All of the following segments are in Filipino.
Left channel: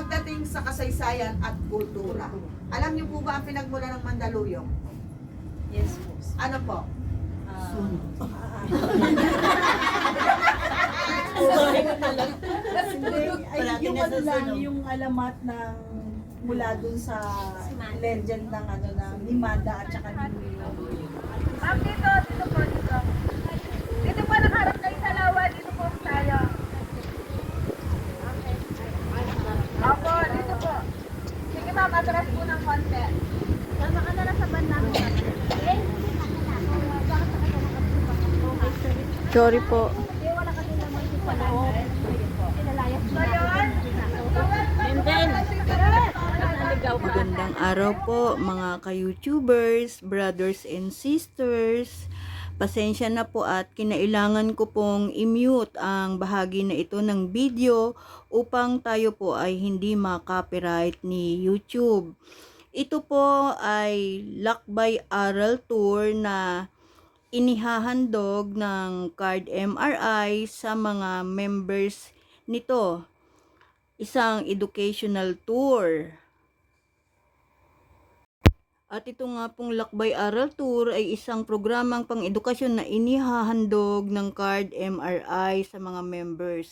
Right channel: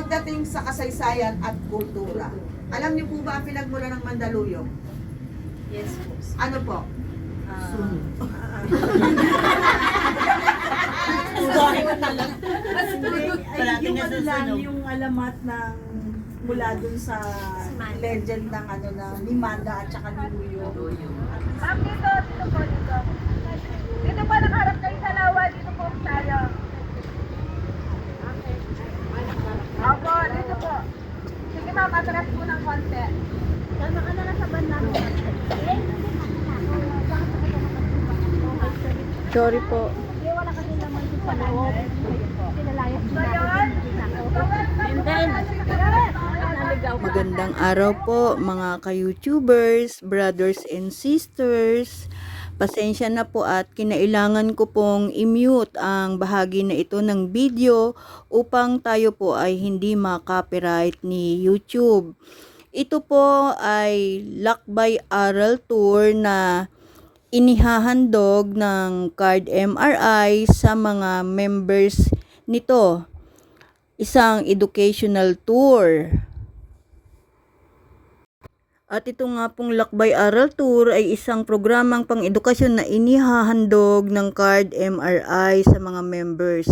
pagdating sa kasaysayan at kultura. Alam niyo po ba ang pinagmula ng Mandaluyong? Yes po. Ano po? Sorry ko talaga. Yung ano lang, yung alamat ng mula dun sa legend ng ano na ni Manda at saka ni Luyo. Ma'am, dito po, dito. Dito po, nakaharap kayo sa lawa, dito po tayo. Opo, dito po. Sige ma'am, atras po ng konti. Kalma ka na lang sa banda. Sorry po. Hindi, wala kasi naman yung panahon. Pinalayas na yun. And then, magandang araw po mga ka-YouTubers, brothers and sisters. Pasensya na po at kinailangan ko pong i-mute ang bahagi na ito ng video upang tayo po ay hindi ma-copyright ni YouTube. Ito po ay lakbay aral tour na inihahandog ng Card MRI sa mga members nito. Isang educational tour. At ito nga pong Lakbay Aral Tour ay isang programang pang-edukasyon na inihahandog ng Card MRI sa mga members.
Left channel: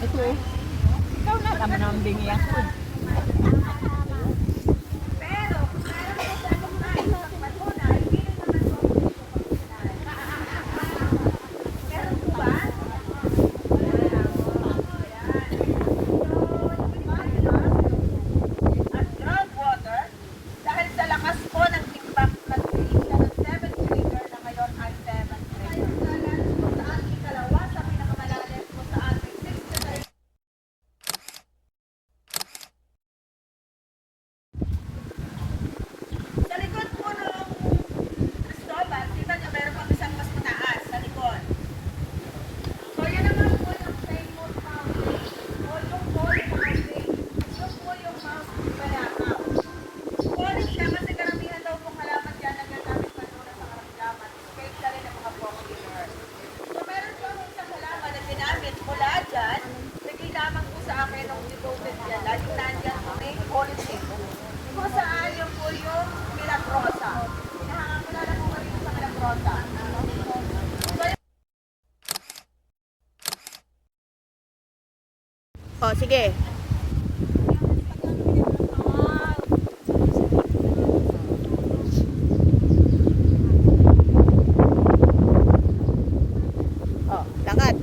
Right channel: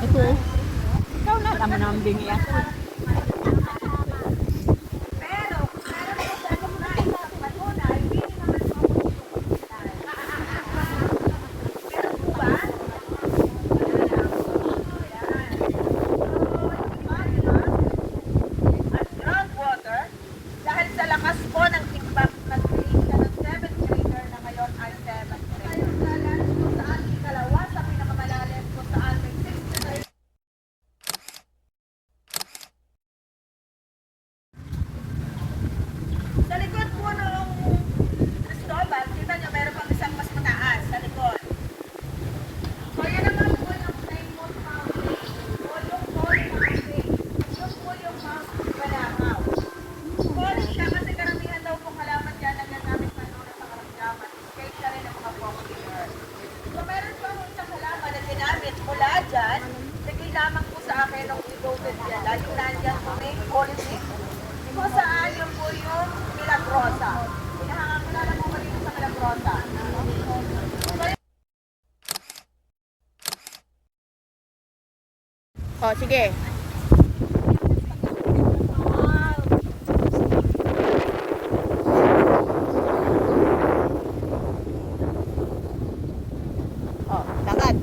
Ito, ikaw na naman ang bingya ko. At groundwater, dahil sa lakas po ng impact, nag-create siya ng 7th grader na ngayon ay 7th grader. Kung saan ikalawa sa pinakamalalim, kung saan may 60. Sa likod po ng Cristobal, kita niyo meron pang isang mas mataas sa likod. So yun naman po yung famous mountain. O yung Holy Mountain. Yun po yung Mount Balakaw. Holy siya kasi karamihan daw pong halaman dyan na ginagamit na doon sa karamdaman. Especially ng mga popular. So meron po ang isang halaman na ginamit mula dyan. Bigay lamang po sa akin nung si-COVID yan. Laging nandyan po may Holy Name. Kung saan yung po yung Milagrosa. Pinahangapulala po kayo sa Milagrosa. So, O, sige. O, lakad.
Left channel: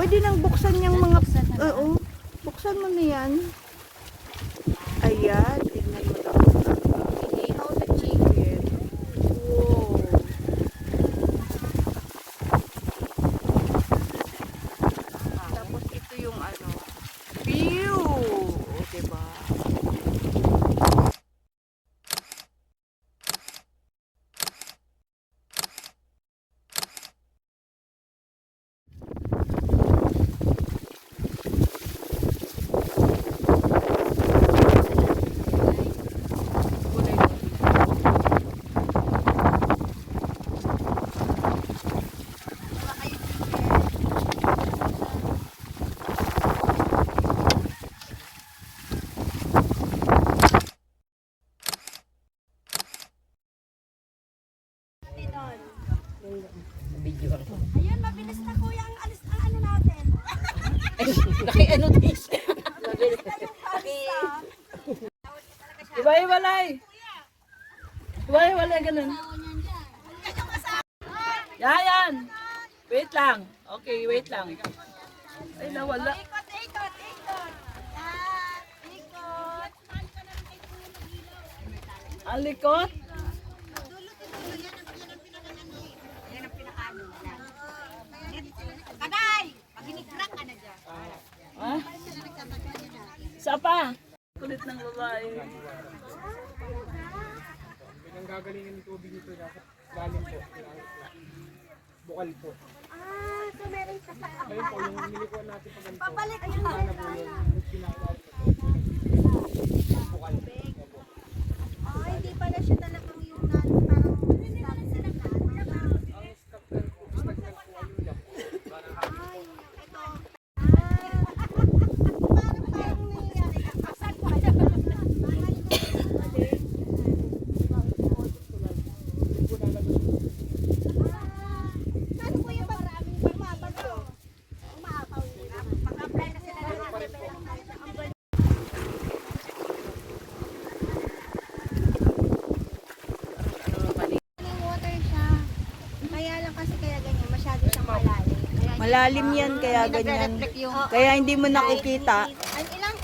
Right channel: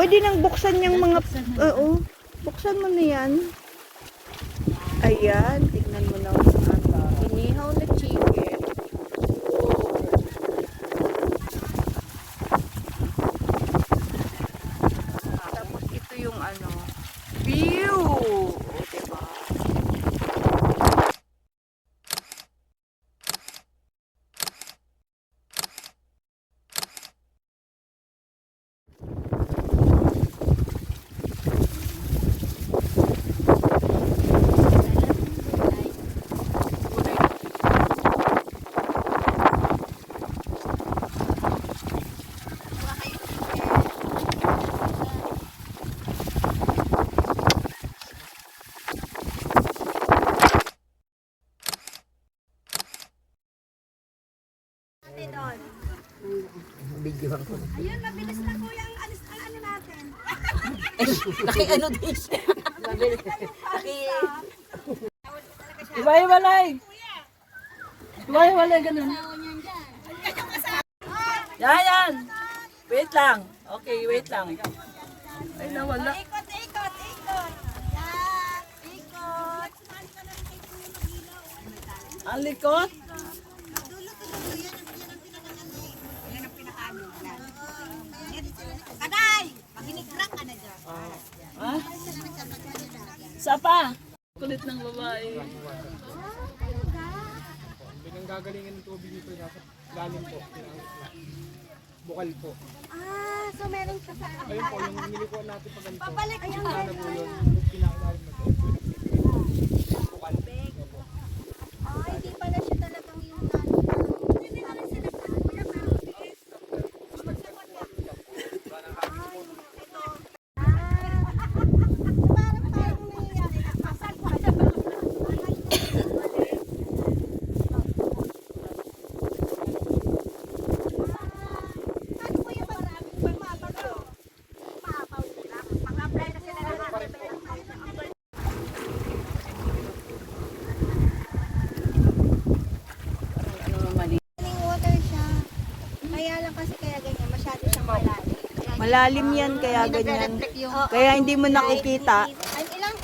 Pwede nang buksan yung mga, oo, buksan mo na yan. Ayan, tignan mo na. Inihaw na chicken. Tapos ito yung ano, view. O, diba? Ayun, mabilis na kuya ang ano natin. Naki-ano din siya. Iwalay. Iwalay ganun. Yan. Wait lang. Okay, wait lang. Ay, nawala. Ikot. Yan, ikot. Ang likod. Kaday! Maginigrak ka na dyan. Ha? Isa pa. Kulit ng babae. Pinanggagalingan ng tubig nito dapat galing po. Bukal po. So meron ka sa Ayun po, yung nilikuan natin pag ganito. Pabalik yan. Sana po yun, yung pinakailalim na po. Bukal. Oh, hindi pala siya talagang yung hindi na lang sila water siya. Kaya lang kasi kaya ganyan, masyado siyang malalim. Malalim yan, kaya ganyan. Kaya hindi mo nakikita. Ay, ilang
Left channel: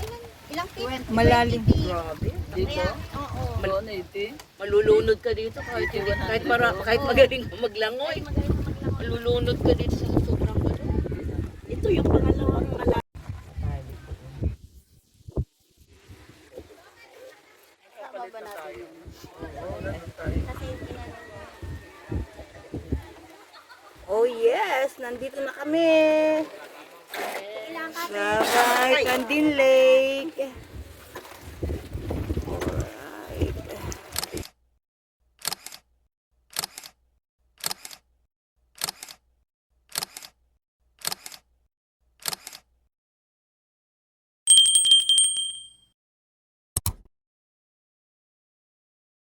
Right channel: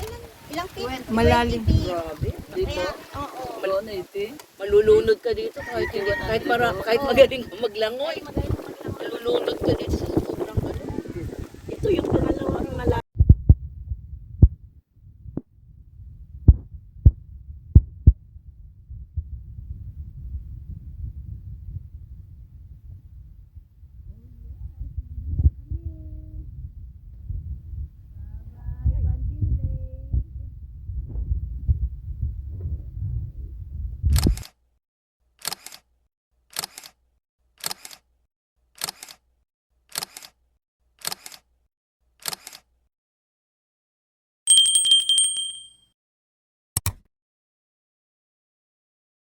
feet? Malalim. 20 feet. Dito. Oo. Malulunod ka dito kahit magaling ka maglangoy. Malulunod ka dito sa sobrang galing. Ito yung pangalawang malaki. Oh yes, nandito na kami. Sa Candin Lake.